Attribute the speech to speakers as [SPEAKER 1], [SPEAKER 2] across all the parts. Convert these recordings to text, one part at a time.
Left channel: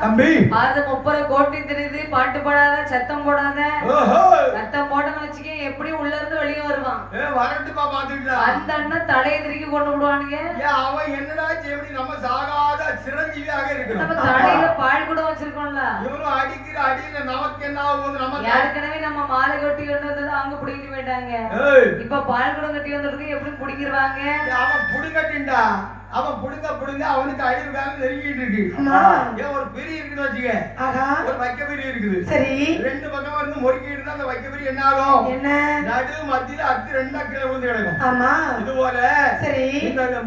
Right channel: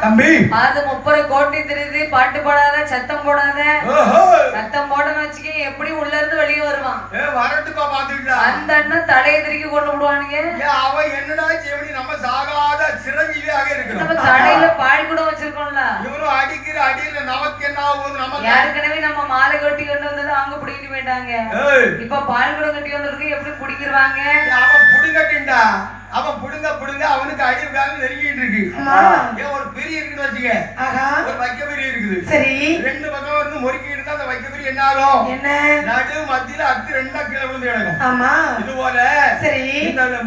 [SPEAKER 1] தம்பி.
[SPEAKER 2] அது முப்பது கோட்டி தெரியுது பாட்டு போடாத சத்தம் போடாத. சத்தம் போடன்னு வச்சுக்க எப்படி உள்ள இருந்து வெளியே வருவான்?
[SPEAKER 1] வரட்டுப்பா பாத்துக்கிட்டா.
[SPEAKER 2] அந்த அண்ணன் தலையை திருக்கி கொண்டு விடுவானுங்க.
[SPEAKER 1] அவன் என்னடா ஜெமினி நம்ம சாகாத சிரஞ்சீவியாக
[SPEAKER 2] நம்ம
[SPEAKER 1] இருக்கிறோம்
[SPEAKER 2] தலையில பால் கூட வச்சிருக்கோம்ல.
[SPEAKER 1] இவனும் அடிக்கிற அடியில நமக்கு என்ன ஆகுது நமக்கு?
[SPEAKER 2] ஏற்கனவே நம்ம மாலை கட்டி கொண்டு வந்தது அவங்க பிடிக்கிட்டு போயிட்டாங்க. இப்ப பால் கூட கட்டி வந்ததுக்கு எப்படி பிடிக்கிருவாங்க
[SPEAKER 1] அவன் புடுங்கட்டின்டா அவன் புடுங்க புடுங்க அவனுக்கு அடி காலம் நெருங்கிட்டு இருக்கு. ஏன் ஒரு பெரிய இருக்குன்னு வச்சுக்க?
[SPEAKER 3] ஆஹா.
[SPEAKER 1] ஒரு வைக்க பெரிய இருக்குது.
[SPEAKER 3] சரி.
[SPEAKER 1] ரெண்டு பக்கம் இருந்து முறுக்கிட்டு இருந்தா அந்த வைக்க பெரிய என்ன ஆகும்?
[SPEAKER 3] என்ன?
[SPEAKER 1] நடு மத்தியில அத்து ரெண்டா கீழே விழுந்து கிடக்கும்.
[SPEAKER 3] ஆமா.
[SPEAKER 1] இது போல
[SPEAKER 3] சரி.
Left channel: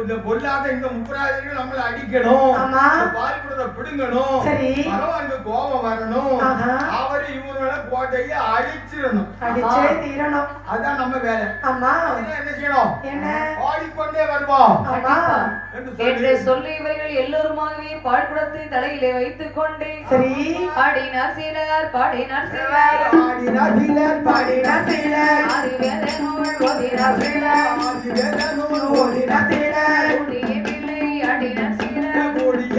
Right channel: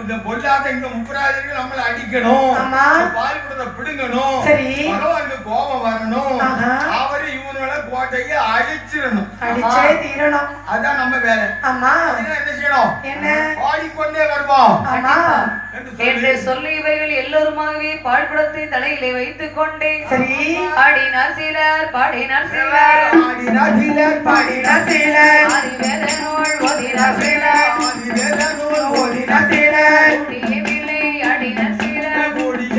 [SPEAKER 1] இந்த பொல்லாத இந்த முப்பராஜர்கள் நம்மள அடிக்கணும்.
[SPEAKER 3] ஆமா.
[SPEAKER 1] பால் குடத்தை பிடுங்கணும்.
[SPEAKER 3] சரி.
[SPEAKER 1] பகவானுக்கு கோபம் வரணும்.
[SPEAKER 3] ஆஹா.
[SPEAKER 1] அவரு இவனோட கோட்டையை அழிச்சிடணும்.
[SPEAKER 3] அடிச்சே தீரணும்.
[SPEAKER 1] அதான் நம்ம வேலை.
[SPEAKER 3] ஆமா.
[SPEAKER 1] என்ன செய்யணும்?
[SPEAKER 3] என்ன?
[SPEAKER 1] ஆடிக்கொண்டே வருவோம்.
[SPEAKER 3] ஆமா.
[SPEAKER 1] என்று சொல்லி
[SPEAKER 2] இவர்கள் எல்லோருமாகவே பாழ்படத்தை தலையிலே வைத்துக் கொண்டே
[SPEAKER 3] சரி
[SPEAKER 2] பாடினார் சிலர் பாடினார் சிலர்
[SPEAKER 1] ஆடினார் சிலர், பாடினார் சிலர்.
[SPEAKER 2] ஆதிவேத நூல் ஓதினார் சிலர்
[SPEAKER 1] ஆதிவேத நூல்
[SPEAKER 3] ஓடினார் சிலர்.
[SPEAKER 2] கூடிய வில்லை ஆடினார் சிலர்
[SPEAKER 1] கூடிய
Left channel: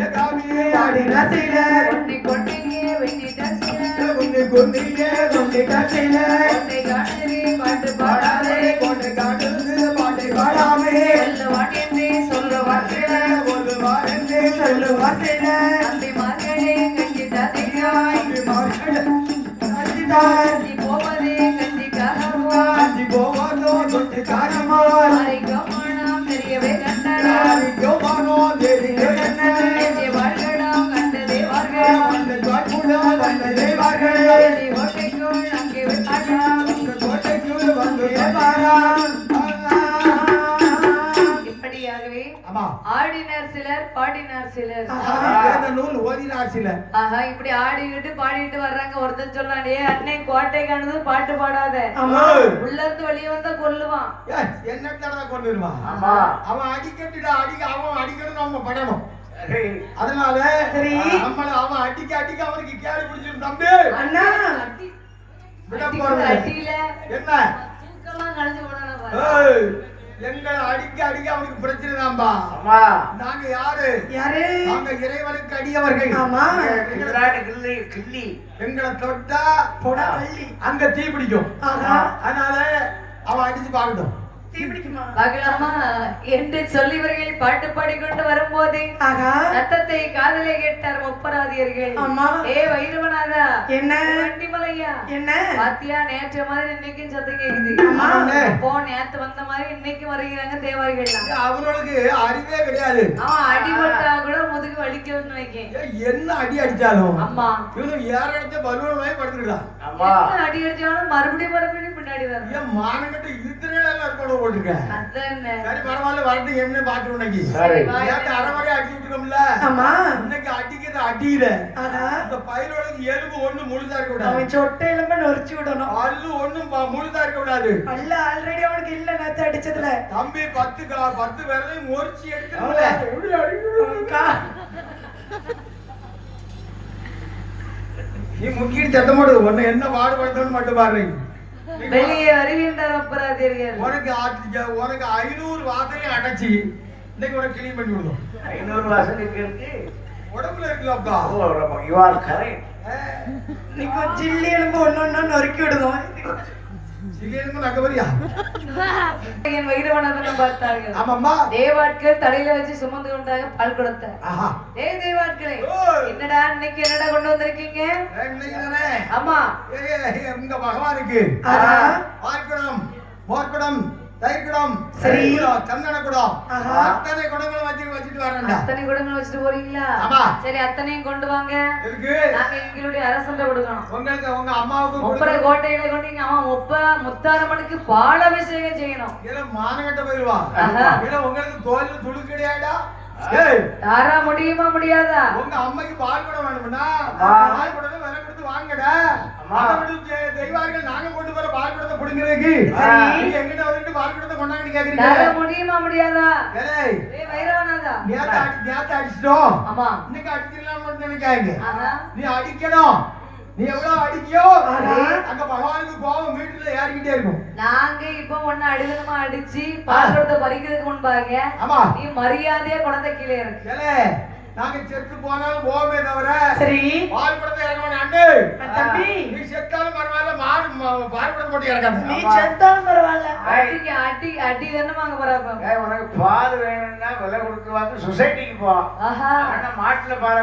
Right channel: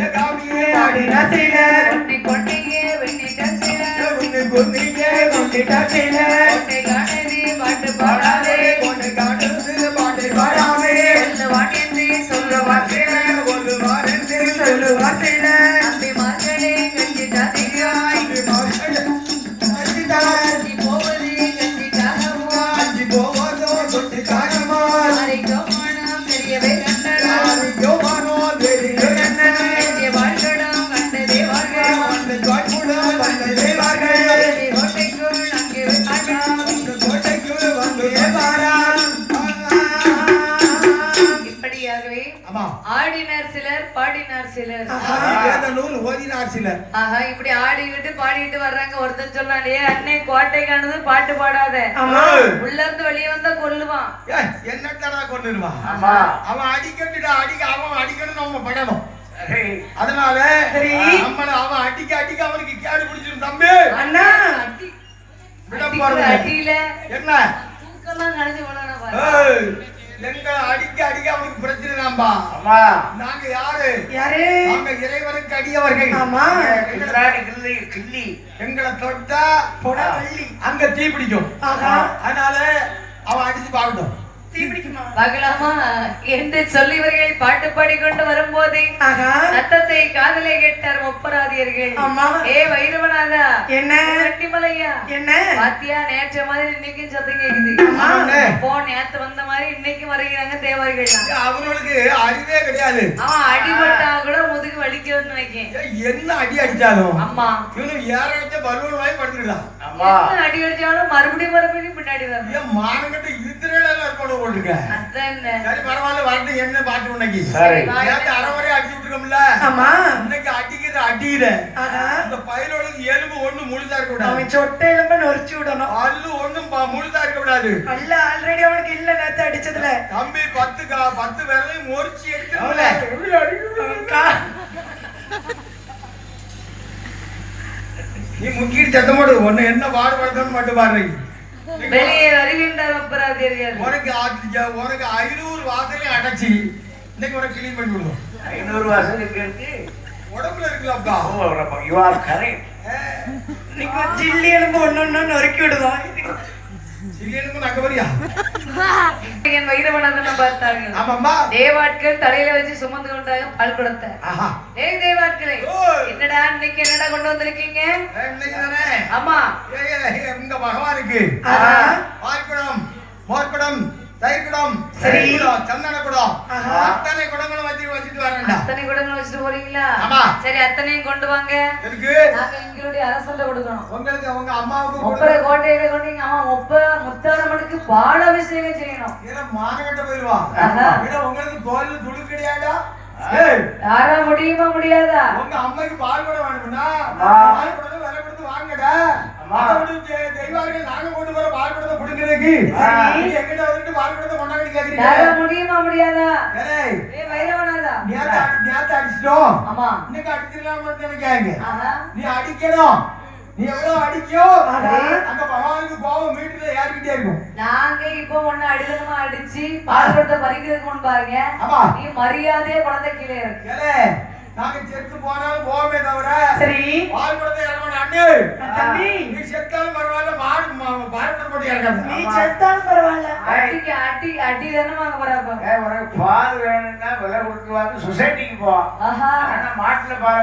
[SPEAKER 3] பாடினார் சிலர்.
[SPEAKER 2] கொண்டி கொண்டையே வெட்டிட்டார் சிலர் பாட்டு பாடாதே ஆடினார் சிலர் பாடினார் சிலர்.
[SPEAKER 1] வேத நூல் ஓதினார் சிலர்.
[SPEAKER 2] ஆஹா இப்படி ஆடிக்கிட்டு பாடிட்டு வர்றாங்க. ஒருத்தன் சொல்றான் ஏ கோட்டைக்கானது பாட்டு பாடாத.
[SPEAKER 3] ஆமா.
[SPEAKER 2] உள்ள இருந்து வெளியே வந்தா கொல்லுவான்.
[SPEAKER 1] ஏய், என்னத்தடா கொண்டுருவான்
[SPEAKER 4] ஆமா.
[SPEAKER 1] அவன் அடிக்கட்டுடா அடிக்க அவன் அடிக்கணும் நம்ம படணும் அதனால
[SPEAKER 3] சரி.
[SPEAKER 1] நம்மள அவன் அடிக்க அடிக்க அவனுக்கு தம்பி.
[SPEAKER 3] அண்ணா.
[SPEAKER 1] என்ன? எங்களை அடிக்க அடிக்க அவனுக்கு பிரச்சனை தான்பா
[SPEAKER 4] அம்மா
[SPEAKER 1] நாங்க யாரு?
[SPEAKER 3] யாரு?
[SPEAKER 1] நாங்க இறைவனுக்கு அடியவர்கள்.
[SPEAKER 3] ஆமா.
[SPEAKER 4] கில்லாடி கிள்ளி கிள்ளி.
[SPEAKER 1] எங்களை தொட்டா
[SPEAKER 3] போடா வள்ளி
[SPEAKER 1] அங்க தீ பிடிக்கும். அதனால அவன் அடிச்சு பார்க்கட்டும்.
[SPEAKER 2] பார்க்கலாமா என்று சொல்லிவர்கள் பாட்டு பாடிக்கொண்டு வரும்போதே
[SPEAKER 3] ஆஹா
[SPEAKER 2] சத்தத்தை காதலே கேட்டார் முப்பராதியர்கள்.
[SPEAKER 3] ஆமா
[SPEAKER 2] ஏ வைரவநாதா
[SPEAKER 3] என்ன?
[SPEAKER 2] வண்டிமலையா?
[SPEAKER 3] என்ன?
[SPEAKER 2] பாத்தியா நேற்று மாதிரி இன்னைக்கும் சத்தம் கேக்குது. போ நேத்து வந்த மாதிரி இன்னைக்கு வருகிறாங்க தேவாரிகள்
[SPEAKER 1] அவனுக்கு அறிவே கிடையாது.
[SPEAKER 2] அவன் அடிபட்டா கூட முதுகு வலிக்குதுன்னு நினைக்கேன்
[SPEAKER 1] ஏய், என்ன அடி அடிச்சாலும்?
[SPEAKER 2] அம்மா.
[SPEAKER 1] இவனுக்கு ஏற அடிச்ச பலூன் வாங்கி படுத்துருக்கான்
[SPEAKER 2] அடி அடிச்சாலும் மறுபடியும் மறுபடியும் பின்னாடி வரணும்
[SPEAKER 1] ஏன் மானங்கட்ட இத்திரையில இருக்கணும் போட்டுருக்க
[SPEAKER 2] அதான்.
[SPEAKER 1] சரி பரவாயில்ல வரட்டும் என்ன பாட்டு உனக்கு.
[SPEAKER 4] சரி.
[SPEAKER 1] நேத்து அரை வரை அடிச்சு விட்டுருக்கோம்ல.
[SPEAKER 3] ஆமா.
[SPEAKER 1] இன்னைக்கு அடிக்கிற அடியில. இந்த பயிரோளுக்கு எலும்பு ஒண்ணு முழுதா இருக்க கூடாது.
[SPEAKER 3] அவன் சொட்டை எலும்ப நொறிச்சு விடணும்.
[SPEAKER 1] பல்லு ஒண்ணும் ப- முழுதா இருக்க கூடாது.
[SPEAKER 3] அல்ல ஆல்ரெடி அவனுக்கு இல்ல நேத்து அடிச்சதுல.
[SPEAKER 1] தம்பி பத்து கா- பத்து விரலையும் முறிச்சு
[SPEAKER 3] கா-
[SPEAKER 1] நீ முக்கிட்டு சத்தம் போடு. உன்னை என்ன பாடுபடுத்தணும் மட்டும் பாரு.
[SPEAKER 2] வெளியே வருகின்ற முப்பராதியர்கள்
[SPEAKER 1] உனக்கு உனக்கு ஐநூறு வாசலையும் அடைச்சி இன்னைக்கு உனக்கு கிளீன் பண்ணி விடுவோம்.
[SPEAKER 4] ஐநூறு வாசல் இருக்கு?
[SPEAKER 1] உடம்புல இருக்குல்லப்பா.
[SPEAKER 4] ஓ யூ ஆர் கரெக்ட்
[SPEAKER 3] இன்னைக்கு ஜில்லி எலும்பு ஒண்ணு ஒண்ணு நொறுக்கி விடுவோம்
[SPEAKER 2] என் வைரவநாதன் பார்த்தார்கள்.
[SPEAKER 1] ஆமாம்மா.
[SPEAKER 2] தேவாட்கள் தலையில வச்சு சுமந்து கொண்டாங்க பால் குடத்தை
[SPEAKER 1] ஆஹா.
[SPEAKER 2] ஏய் தேவாட்களே. என்னடா இன்னைக்கு என்னடா கொண்டு வந்திருக்கீங்க? ஆமா.
[SPEAKER 1] உங்க பகவானுக்கு.
[SPEAKER 3] ஆஹா.
[SPEAKER 1] பார்க்குடம்
[SPEAKER 3] சரி.
[SPEAKER 1] சந்தன குடம். அத்தனை குடங்களும் வச்சு வச்சுட்டு வரேன்டா.
[SPEAKER 2] அத்தனை குடங்கள் வச்சுட்டு போறீங்களா?
[SPEAKER 1] ஆமா.
[SPEAKER 2] சரி அத்தனையும் கொண்டு வாங்க.
[SPEAKER 1] இருக்கு
[SPEAKER 2] நாங்க எங்களுடைய அரசண்ட கொடுக்கணும்.
[SPEAKER 1] உங்களுக்கு உங்க அம்மாவுக்கு
[SPEAKER 2] முப்பரை கோட்டையில கொண்டு எங்க அம்மா முப்ப முத்தாரம்மனுக்கு பால அபிஷேகம் செய்யணும்.
[SPEAKER 1] இதெல்லாம் மானகட்ட போயிருவான். ஏன்னா உங்களுக்கு கோயில் துளு கிடையாடா
[SPEAKER 2] யாரா முடியுமா முடியாதா?
[SPEAKER 1] உங்க அம்மைக்கு பால் கூட வேணும்னா. பால் குடம் விலை கொடுத்து வாங்கடா தெய்வார்கள் நாங்க கொண்டு போற பால் குடத்தை பிடிக்கிறதுக்கு எங்கிட்ட வந்துட்டு பால் குடத்தை கொண்டாடி
[SPEAKER 2] யாரா
[SPEAKER 1] கேக்குறீங்க?
[SPEAKER 2] முடியுமா முடியாதா?
[SPEAKER 1] ஏய்,
[SPEAKER 2] ஏய் வைரவநாதா
[SPEAKER 1] நேத்து அடி- நேத்து அடிச்சிட்டோம்.
[SPEAKER 2] ஆமா.
[SPEAKER 1] இன்னைக்கு அடிச்சிடலாம்னு நினைக்காங்க. நீ அடிக்கணும். நீ எவ்வளவு அடிக்கியோ. அந்த பகவானுக்கு கோபம் வீட்டுல ஏறிக்கிட்டே இருக்கும்.
[SPEAKER 2] நாங்க இப்ப ஒண்ணு அடிதனமா அடிச்சு பால் குடத்தை பறிக்கிறதுக்கு முன்பாக
[SPEAKER 1] ஆமா.
[SPEAKER 2] நீ மரியாதையா குழந்தை கீழே இறக்கு.
[SPEAKER 1] ஏலே நாங்க செத்து போனாலும் போவே தவிர
[SPEAKER 3] சரி.
[SPEAKER 1] பால் கொடுத்த இறங்கணும் அண்ணே
[SPEAKER 3] தம்பி.
[SPEAKER 1] நீ செத்தாலும் பரவாயில்ல மாடு பால் கொடுத்த போட்டு இறக்காத
[SPEAKER 3] நீ செத்தாலும் பரவாயில்ல.
[SPEAKER 2] அடிக்கு அடி அடி தானே வாங்க போறாப்ப
[SPEAKER 4] ஏய், உனக்கு பால் வேணும்னா விலை கொடுத்து வாங்க சொசைட்டிக்கு போ.
[SPEAKER 2] ஆஹா.
[SPEAKER 4] ஆனா மாட்டுல பால்.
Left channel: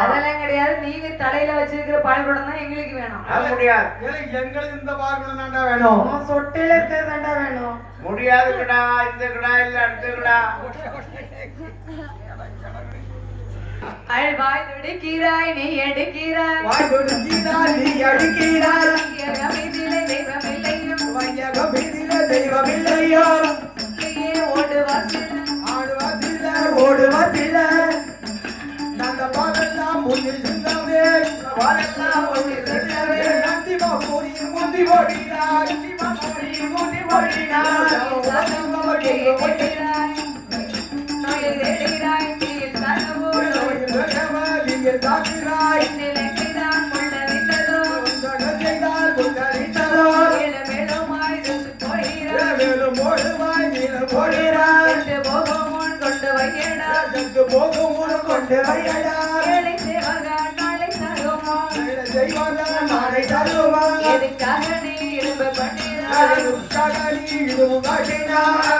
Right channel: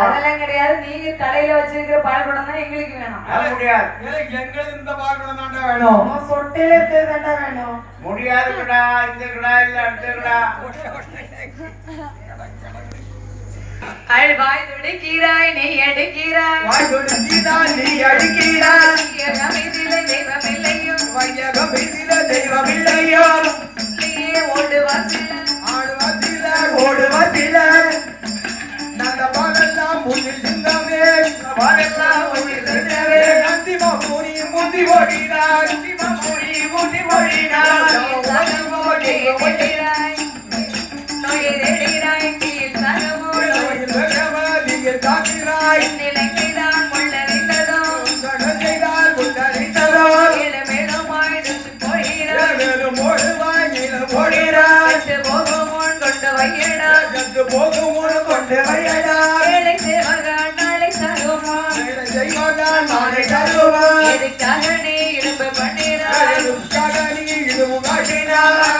[SPEAKER 2] அதெல்லாம் கிடையாது. நீங்க தலையில வச்சிருக்கிற பள்ளிக்கூடம் தான் எங்களுக்கு வேணும்.
[SPEAKER 4] அது முடியாது.
[SPEAKER 1] எங்களுக்கு இந்த பால் குடம் தாண்டா வேணும்.
[SPEAKER 3] உன் சொட்டையில இருக்கிறது தாண்டா வேணும்.
[SPEAKER 4] முடியாது கடா இந்த கடா இல்ல அடுத்த கடா.
[SPEAKER 2] அழ்வாய் துடிக்கிறாய் நீ எடுக்கிறாய்
[SPEAKER 1] வாய் தொடுத்தீரா, நீ அடிக்கிறாய்.
[SPEAKER 2] இதில தெய்வமில்லையும்
[SPEAKER 1] வையகம் வீட்டில தெய்வமில்லையோ.
[SPEAKER 2] இல்லையே ஓடுவார் சிலர்.
[SPEAKER 1] ஆடுவதில, ஓடுவதில. நல்ல பாடெல்லாம் முன்னில் சிந்தமே. பாடெல்லாம் முன்னில் சிந்தமே. அந்திம பூரி முந்தி ஓடினார். அந்திம பூரி முந்தி ஓடினார்.
[SPEAKER 2] சகமோடு
[SPEAKER 1] செத்து போகும் கொண்டு வையடா.
[SPEAKER 2] வேலை செய்வார்கள் நாளை தருமா.
[SPEAKER 1] வேலை செய்வானால் நாளை தருவாய்.
[SPEAKER 2] எதுக்காக நீ இடுப்பு பண்ணினாய்?
[SPEAKER 1] உற்சாக நீ இதுவும் காட்டினாய்.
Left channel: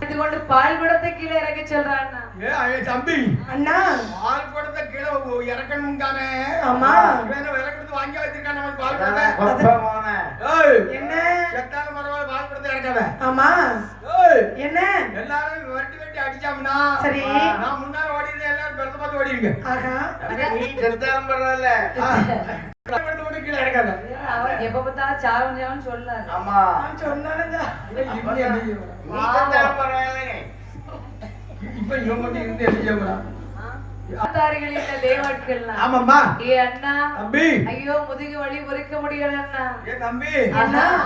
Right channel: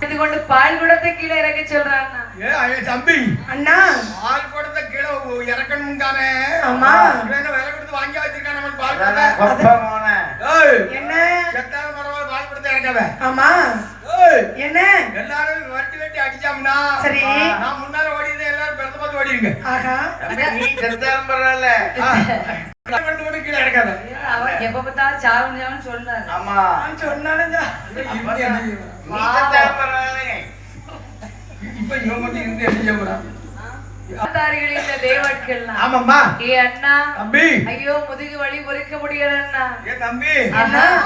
[SPEAKER 2] இது கொண்டு பால் குடத்தை கீழே இறக்க சொல்றாங்க
[SPEAKER 1] ஏ, ஐய, தம்பி
[SPEAKER 3] அண்ணா
[SPEAKER 1] பால் குடத்தை கீழே உ- இறக்கணும்கானே.
[SPEAKER 3] ஆமா.
[SPEAKER 1] இவன் விலை கொடுத்து வாங்கி வச்சிருக்கான் நம்ம பால்
[SPEAKER 4] அதான்
[SPEAKER 1] குடத்தை.
[SPEAKER 4] கொப்பை மோனே.
[SPEAKER 1] ஏய்,
[SPEAKER 3] என்ன ஆமா. என்ன?
[SPEAKER 1] எல்லாரும் வெட்டி வெட்டி அடிச்சாங்கன்னா
[SPEAKER 3] சரி.
[SPEAKER 1] நான் முன்னால எல்லாரும் பெருத்த பார்த்து
[SPEAKER 4] நீ செத்தாலும் பரவாயில்ல.
[SPEAKER 1] கீழே இறக்காத.
[SPEAKER 2] அவர் எப்ப பார்த்தாலும் சாவும் சாவும் சொல்றாரு
[SPEAKER 4] ஆமா.
[SPEAKER 3] சொன்னாலும்
[SPEAKER 1] இப்ப இவன் மட்டும் இருந்து என்ன ஆமாம்மா.
[SPEAKER 2] ஏ அண்ணா
[SPEAKER 1] தம்பி.
[SPEAKER 2] ஐயோ முதுகு வலி பொறுக்க முடியல அண்ணா.
[SPEAKER 1] ஏ தம்பி.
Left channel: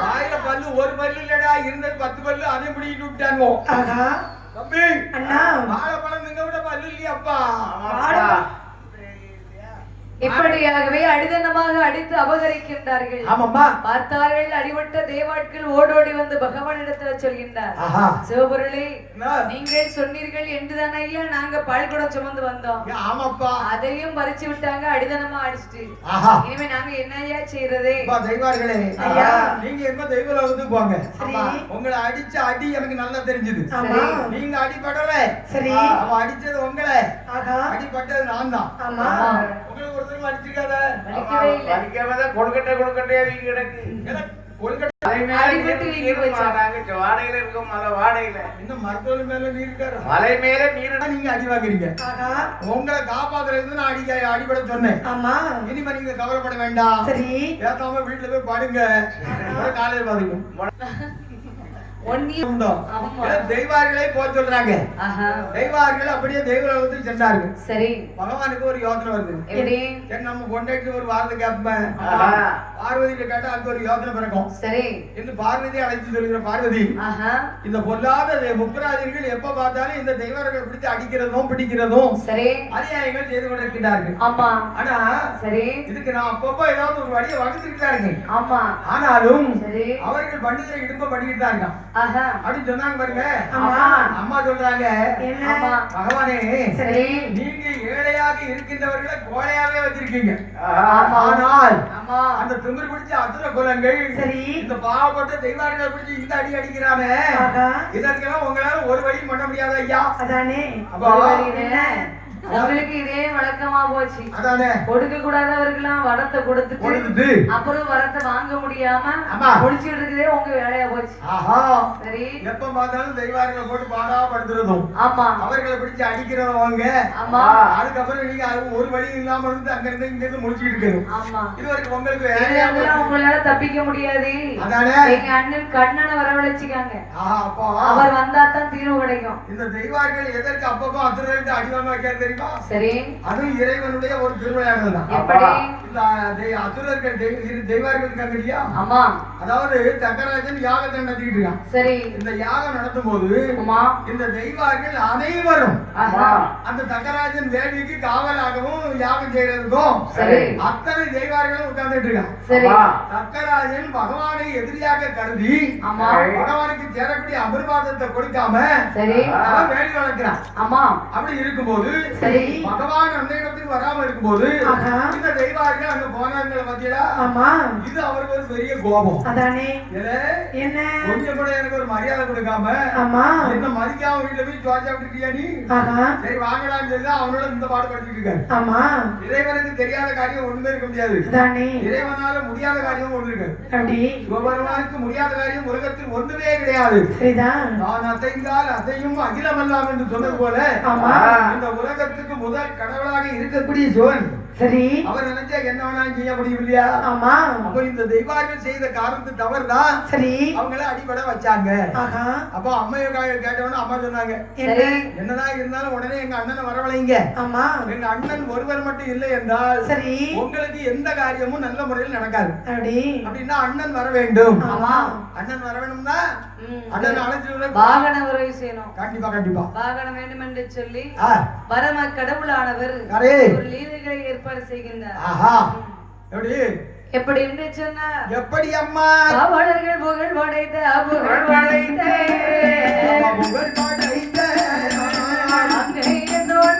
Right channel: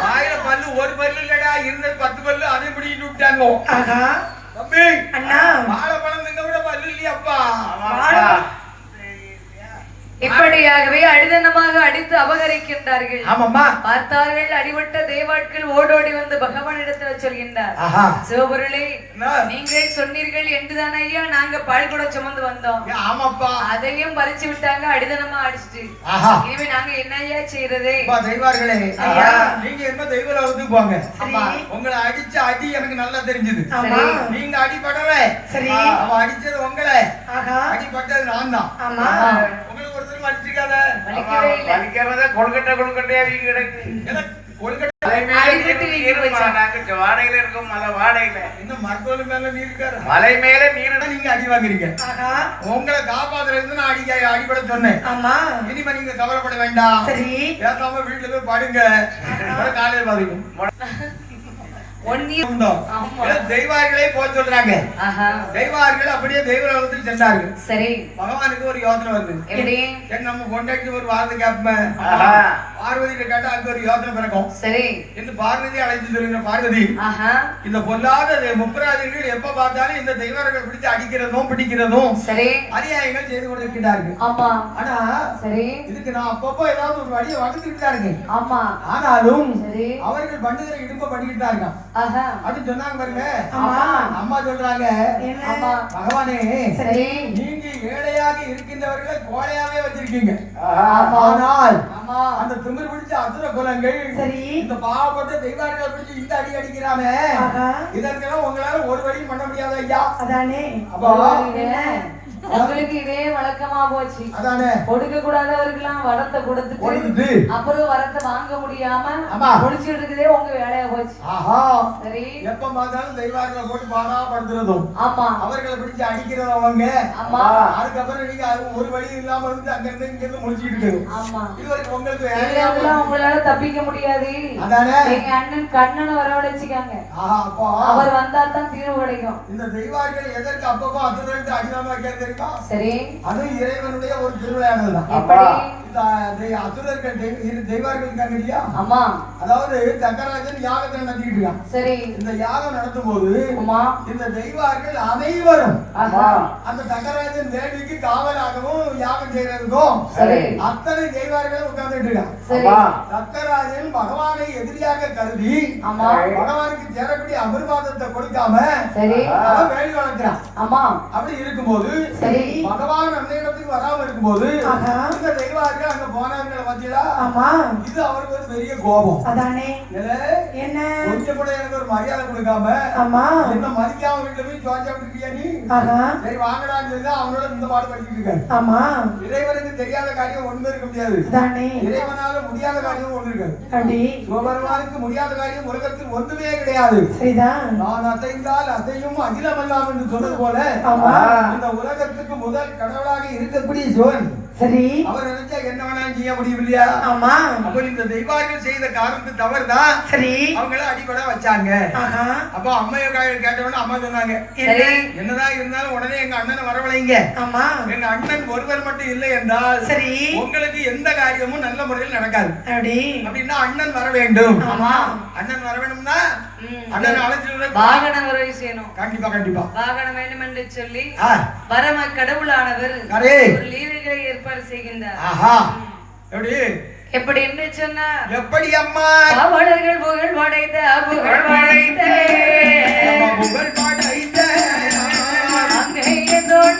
[SPEAKER 1] வாயில பல்லு ஒரு பல்லு இல்லடா இருந்தது பத்து பல்லு அதை முடிக்கிட்டு விட்டாங்க தம்பி.
[SPEAKER 3] அண்ணா.
[SPEAKER 2] அடிதனமாக அடித்து அபகரிக்கின்றார்கள்.
[SPEAKER 1] ஆமாம்மா.
[SPEAKER 2] பார்த்தார்கள் அடிபட்ட தேவாட்கள் ஓடோடி வந்து பகவானிடத்தில் சொல்கின்றார் சிவபொருளே? நீங்கள் சொன்னீர்கள் என்றுதான் ஐயா நாங்க பால் கூட சுமந்து வந்தோம்.
[SPEAKER 1] ஆமாப்பா.
[SPEAKER 2] அதையும் பறிச்சு விட்டாங்க அடிதனமா அடிச்சிட்டு. இனிமே நாங்க என்ன ஐயா செய்யறது?
[SPEAKER 1] தெய்வார்களே. நீங்க என்ன தெய்வ லோகத்துக்கு போங்க? உங்களை அடிச்ச அடி எனக்கு நல்லா தெரிஞ்சது.
[SPEAKER 3] ஆமா
[SPEAKER 1] நீங்க அடிபடல.
[SPEAKER 3] சரி.
[SPEAKER 1] அவ அடிச்சது உங்களை. அடிபட்டது நான் தான்
[SPEAKER 3] ஆமா.
[SPEAKER 1] உங்களுக்கு ஒருத்தரும் அடிச்சிருக்காத.
[SPEAKER 4] படிக்காமதான் கொழுக்கட்டை கொழுக்கட்டையா கிடக்கு. நீர் வாடையில இருக்கோம் மலை வாடையில.
[SPEAKER 1] இன்னும் மருத்துவ மேல நீ இருக்காரு
[SPEAKER 4] மலை மேல நீர்
[SPEAKER 1] நீங்க அடி வாங்குறீங்க. உங்களை காப்பாத்துறது நான் அடிக்க அடிபட சொன்னேன்.
[SPEAKER 3] ஆமா.
[SPEAKER 1] இனிமே நீங்க கவலைப்பட வேண்டாம்.
[SPEAKER 3] சரி.
[SPEAKER 1] பேசாம வீட்டுல போய் படுங்க. காலையில பாருங்க தெய்வார்களே போக சொல்றாங்க. தெய்வார்கள் அப்படியே தெய்வ லோகத்துக்கு சென்றார்கள்.
[SPEAKER 2] சரி.
[SPEAKER 1] பகவானுக்கு ஒரு யோசனை வருது. சரி நம்ம ஒரு வார்த்தை கேட்பேன். பார்வதியிட்ட கேட்டா அங்க ஒரு யோசனை பிறக்கும்.
[SPEAKER 2] சரி.
[SPEAKER 1] என்று பார்வதி அழைத்து சொல்லுகிற பார்வதி இந்த பொல்லாத முப்பராஜர்கள் எப்ப பார்த்தாலும் இந்த தெய்வர்கள் பிடிச்சு அடிக்கிறதும் பிடிக்கிறதும்
[SPEAKER 2] சரி.
[SPEAKER 1] அநியாயங்கள் செய்து கொண்டிருக்கிறார்கள்
[SPEAKER 2] ஆமா.
[SPEAKER 1] ஆனா
[SPEAKER 2] சரி.
[SPEAKER 1] இதுக்கு நான் அப்பப்போ ஏதாவது ஒரு வழியை வகுத்துக்கிட்டாருங்க
[SPEAKER 2] ஆமா.
[SPEAKER 1] ஆனாலும்
[SPEAKER 2] சரி.
[SPEAKER 1] அவர்கள் பண்ணுகிற இடும்ப பண்ணிக்கிட்டு தான் இருக்கான்.
[SPEAKER 2] ஆஹா
[SPEAKER 1] அப்படின்னு சொன்னாங்க பாருங்க. அம்மா சொல்றாங்க. பகவானே
[SPEAKER 2] சரி.
[SPEAKER 1] நீங்க ஏழையாக இருக்கின்றவர்களை கோழையாவே வச்சிருக்கீங்க.
[SPEAKER 2] ஆமா.
[SPEAKER 1] ஆனால் அந்த திமிர் பிடிச்ச அசுர குலங்கள்
[SPEAKER 3] சரி.
[SPEAKER 1] இந்த பாவப்பட்ட தெய்வார்களை பிடிச்சு இந்த அடி அடிக்கிறாமே இதற்கெல்லாம் உங்களால ஒரு வழி பண்ண முடியாது ஐயா?
[SPEAKER 3] அதானே.
[SPEAKER 1] அப்பா.
[SPEAKER 2] உங்களுக்கு இதே வழக்கமா போச்சு.
[SPEAKER 1] அதானே?
[SPEAKER 2] கொடுக்க கூடாதவருக்கெல்லாம் வரத்தை கொடுத்துட்டு அப்புறம் வரத்தை வாங்க முடியாம. முடிச்சிட்டு இருக்குதே உங்க வேலையா போச்சு.
[SPEAKER 1] ஆஹா.
[SPEAKER 2] சரி.
[SPEAKER 1] எப்ப பார்த்தாலும் தெய்வார்களை போட்டு பாடா படுத்துறதும்
[SPEAKER 2] ஆமா.
[SPEAKER 1] அவர்களை பிடிச்சு அடிக்கிறதும் அவங்க.
[SPEAKER 2] ஆமா.
[SPEAKER 1] அதுக்கப்புறம் நீங்க ஒரு வழி இல்லாம இருந்து அங்க இருந்து இங்க இருந்து முடிச்சுட்டு இருக்கணும்
[SPEAKER 2] ஆமா.
[SPEAKER 1] இது வரைக்கும் உங்களுக்கு
[SPEAKER 2] உங்களால தப்பிக்க முடியாது.
[SPEAKER 1] அதானே?
[SPEAKER 2] எங்க அண்ணன் கண்ணனை வரவழைச்சுக்காங்க. அவர் வந்தா தான் தீர்வு கிடைக்கும்.
[SPEAKER 1] இந்த தெய்வார்கள் எதற்கு அப்பப்போ வைக்க தெரியுமா தெரியுமா?
[SPEAKER 2] சரி.
[SPEAKER 1] அதுவும் இறைவனுடைய ஒரு திருவிளையாடல் தான் அசுரர்கள் தெய்வார்கள்
[SPEAKER 2] ஆமா.
[SPEAKER 1] அதாவது தக்கராஜன் யாகத்தை நடத்திட்டு இருக்கான்
[SPEAKER 2] சரி.
[SPEAKER 1] இந்த யாகம் நடத்தும் போது இந்த தெய்வார்கள் அனைவரும். அந்த தக்கராஜன் தேவிக்கு காவலாகவும் யாகம் செய்யறதுக்கும் அத்தனை தெய்வார்களும் உட்கார்ந்துட்டு தக்கராஜன் பகவானை எதிரியாக கருதி
[SPEAKER 2] ஆமா.
[SPEAKER 1] பகவானுக்கு சேரக்கூடிய அபிர்வாதத்தை கொடுக்காம அவன் வேலி வளர்க்கிறான்
[SPEAKER 2] ஆமா.
[SPEAKER 1] அப்படி இருக்கும்போது பகவான் அந்த இடத்துக்கு வராம இருக்கும்போது. இந்த தெய்வார்கள் அங்க போனாங்கள பாத்தீங்களா
[SPEAKER 3] ஆமா.
[SPEAKER 1] இது அவருக்கு ஒரு பெரிய கோபம்.
[SPEAKER 3] அதானே. என்ன?
[SPEAKER 1] கொஞ்சம் கூட எனக்கு ஒரு மரியாதை கொடுக்காம
[SPEAKER 3] ஆமா.
[SPEAKER 1] என்ன மதிக்காம வீட்டுல போய் நீ?
[SPEAKER 3] ஆஹா.
[SPEAKER 1] சரி வாங்கடான்னு சொல்லி அவனோட இந்த பாடு படிச்சுட்டு இருக்காரு
[SPEAKER 3] ஆமா.
[SPEAKER 1] இறைவனுக்கு தெரியாத காரியம் ஒண்ணுமே இருக்க முடியாது.
[SPEAKER 3] அதானே.
[SPEAKER 1] இறைவனால முடியாத காரியம் ஒண்ணு இருக்காது.
[SPEAKER 3] அப்படி
[SPEAKER 1] சிவபெருமானுக்கு முடியாத காரியம் உலகத்தில் ஒன்றுமே கிடையாது.
[SPEAKER 3] சரிதான்.
[SPEAKER 1] நான் அசைந்தால் அசையும் அகிலமல்லாம் என்று சொன்னது போல
[SPEAKER 3] ஆமா.
[SPEAKER 1] இந்த உலகத்துக்கு முதல் கடவுளாக இருக்கக்கூடிய சிவன்.
[SPEAKER 3] சரி.
[SPEAKER 1] அவர் நினைச்சா என்ன வேணாலும் செய்ய முடியும் இல்லையா
[SPEAKER 3] ஆமா.
[SPEAKER 1] அப்போ இந்த தெய்வார்கள் செய்த காரணத்து தவறுதான்
[SPEAKER 3] சரி.
[SPEAKER 1] அவங்கள அடிபட வச்சாங்க. அப்போ அம்மைய கேட்டவொன்னு அம்மா சொன்னாங்க என்னதான் இருந்தாலும் உடனே எங்க அண்ணனை வரவழைங்க.
[SPEAKER 3] ஆமா.
[SPEAKER 1] எங்க அண்ணன் ஒருவர் மட்டும் இல்லை என்றால்
[SPEAKER 3] சரி.
[SPEAKER 1] உங்களுக்கு எந்த காரியமும் நல்ல முறையில் நடக்காது.
[SPEAKER 3] அப்படி.
[SPEAKER 1] அப்படின்னா அண்ணன் வர வேண்டும்.
[SPEAKER 3] ஆமா.
[SPEAKER 1] அண்ணன் வர வேணும்னா
[SPEAKER 2] வாகனம் உறவை செய்யணும்.
[SPEAKER 1] கண்டிப்பா கண்டிப்பா.
[SPEAKER 2] வாகனம் வேண்டும் என்று சொல்லி பரம கடவுளானவர்
[SPEAKER 1] அரே.
[SPEAKER 2] ஒரு லீலைகளை ஏற்பாடு செய்கின்றார்.
[SPEAKER 1] எப்படி?
[SPEAKER 2] எப்படி என்று சொன்னா
[SPEAKER 1] எப்படி அம்மா?
[SPEAKER 2] பாவலர்கள் புகழ் படைத்த புகழ் படைத்த.
[SPEAKER 1] புகழ் படைத்த.
[SPEAKER 2] அங்கே தோல்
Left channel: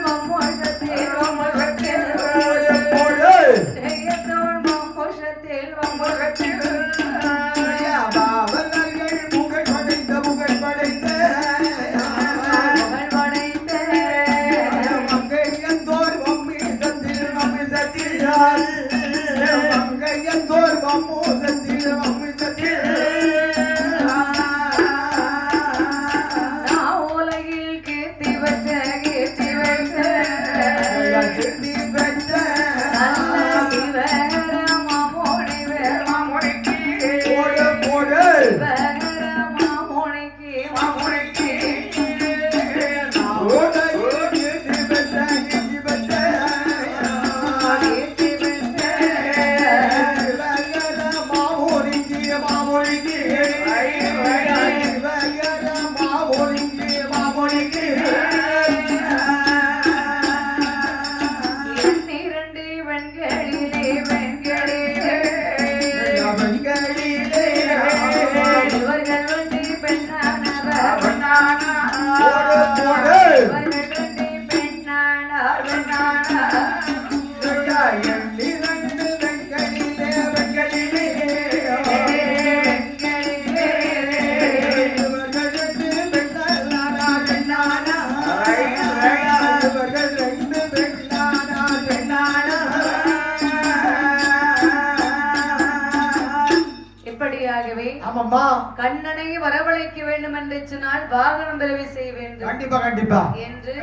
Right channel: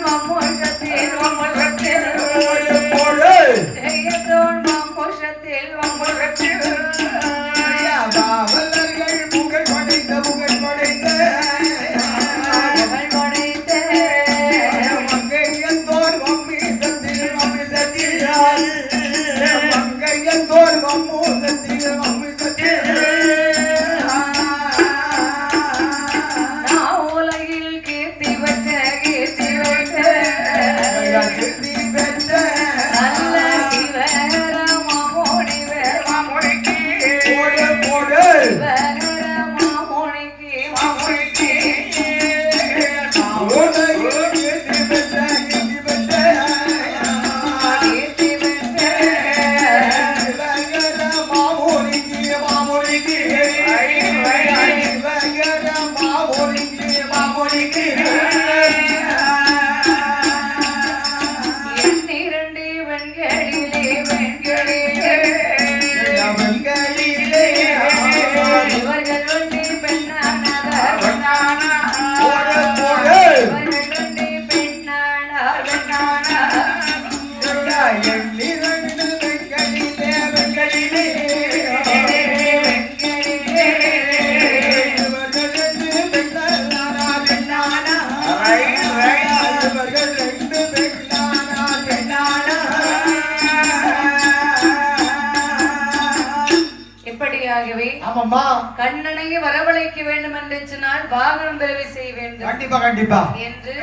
[SPEAKER 2] இப்படியாகவே
[SPEAKER 1] ஆமாம்மா.
[SPEAKER 2] கண்ணனை வரவழைக்க வேண்டும் என்று சொன்னால் வாகனம் பிறவி செய்ய வேண்டும்.
[SPEAKER 1] கண்டிப்பா கண்டிப்பா.
[SPEAKER 2] என்று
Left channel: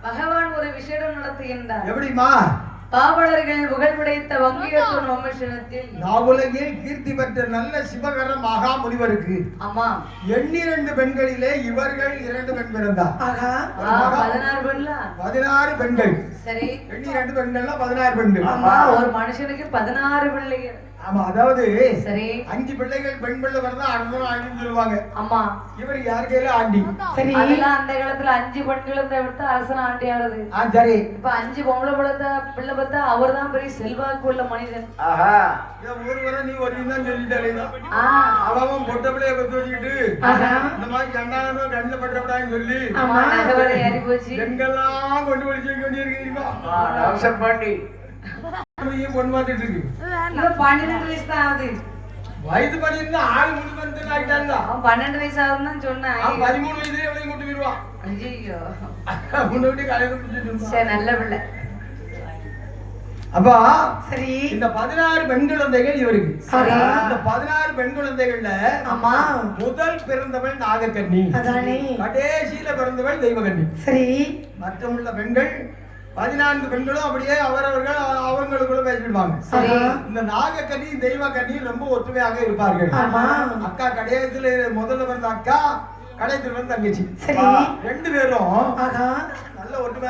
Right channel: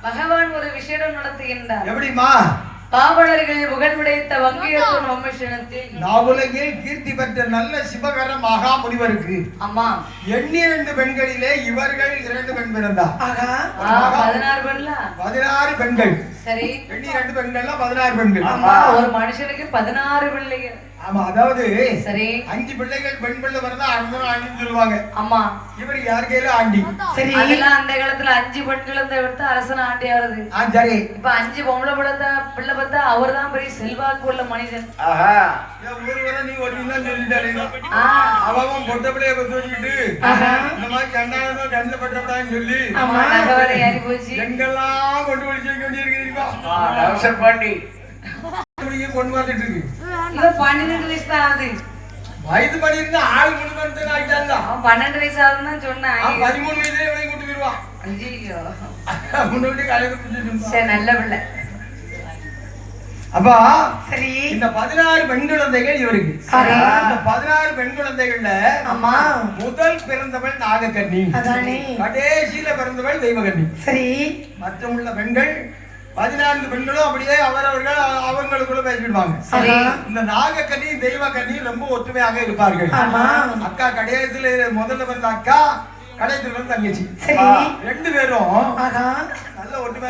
[SPEAKER 2] பகவான் ஒரு விஷயம் நடத்துகின்றார்
[SPEAKER 1] எப்படிம்மா?
[SPEAKER 2] பாவலர்கள் புகழ் படைத்த வங்கியத்தோன் வம்சனத்தில்
[SPEAKER 1] நாவுலகில் கீர்த்தி பெற்ற நல்ல சிவகர மகா முனிவருக்கு.
[SPEAKER 2] அம்மா.
[SPEAKER 1] எண்ணிரண்டு பெண்களிலே இவர்கள் இரண்டு பெண்
[SPEAKER 2] ஆ, பதினாறு பெண்ல?
[SPEAKER 1] பதினாறு பெண்கள்.
[SPEAKER 2] சரி.
[SPEAKER 1] எண்ணி ரெண்டு பெண்கள்னா பதினாறு பெண்கள்.
[SPEAKER 2] அம்மா ஒரு மனுஷனுக்கு பதினாறு பிள்ளைகள்.
[SPEAKER 1] ஆமா அதாவது
[SPEAKER 2] சரி.
[SPEAKER 1] அஞ்சு பிள்ளைகள் பெண் பிள்ளை பிறந்தா அடுத்த ஆண்டின்னு சொல்லுவாங்க.
[SPEAKER 2] அம்மா
[SPEAKER 1] இவர் யார் கையில ஆண்டி?
[SPEAKER 3] சரி.
[SPEAKER 2] அதெல்லாம் அந்த காலத்துல அஞ்சு இருந்த விட்டு அரசன் ஆண்டி ஆகுது
[SPEAKER 1] ஆ சரி.
[SPEAKER 2] இப்ப அஞ்சு பொம்பளை பிள்ளை பிள்ளை பார்த்தா அவர் தான் பெரிய செல்வாக்கு உள்ள மனிதன்
[SPEAKER 1] இதை ஒரு வரை நீ சொல்லிட்டாரு அவன் பொட்ட பிள்ளைய பத்து வச்சுக்கிட்டு
[SPEAKER 3] ஆஹா.
[SPEAKER 1] இந்த மாதிரி கண்டானதோ கண்ணில் பட்டப்படான்னு சொல்லி
[SPEAKER 2] ஆமா ஏறி போச்சு.
[SPEAKER 1] எங்கெல்லாம் கொண்டு வைக்க
[SPEAKER 4] அவசர் பாண்டி
[SPEAKER 1] வந்துட்டு இருக்கு.
[SPEAKER 2] இவன் பன்னெண்டு வயசு தான் ஆகுது.
[SPEAKER 1] வயது பண்ணி இருந்தா ஆள் முன்னு வந்து ஆயிட்டாங்க.
[SPEAKER 2] அவன் பன்னெண்டு வயசு ஆகுதுன்னு தான் சொன்னான்.
[SPEAKER 1] அவன் பதிமூணு வயசுல எப்படி கொண்டு போயிருவான்
[SPEAKER 2] ஐயோ
[SPEAKER 1] முன்னாடி கலைக்கு பிடிச்சிட்டு
[SPEAKER 2] சரி நல்ல பிள்ளை.
[SPEAKER 1] அப்பா
[SPEAKER 3] சரி.
[SPEAKER 1] இந்த பதினாறு பெண் குழந்தைகள் இவருக்கு. இந்த பதினாறு பெண் குழந்தைகள்ல
[SPEAKER 3] ஆமா
[SPEAKER 1] முதல் பிறந்தவள்
[SPEAKER 3] அதானே.
[SPEAKER 1] கடைசியில பிறந்தவள் தெய்வகன்னி
[SPEAKER 3] சரி.
[SPEAKER 1] மற்ற உள்ள பெண்கள் பதினான்கு பெண்களும் அப்படியே அவரவர்கள் அவங்களுக்குள்ள பேசிடுவாங்க
[SPEAKER 2] சரி
[SPEAKER 1] இந்த நாகக்கன்னி தெய்வக்கன்னி ரொம்ப ஒற்றுமையாக இருப்பார்கள். அக்கா கடைசியில முதல்ல வந்த அக்கா கடைசியில் வந்து தங்கச்சி. ரெண்டு பேரும் நல்ல ஒற்றுமை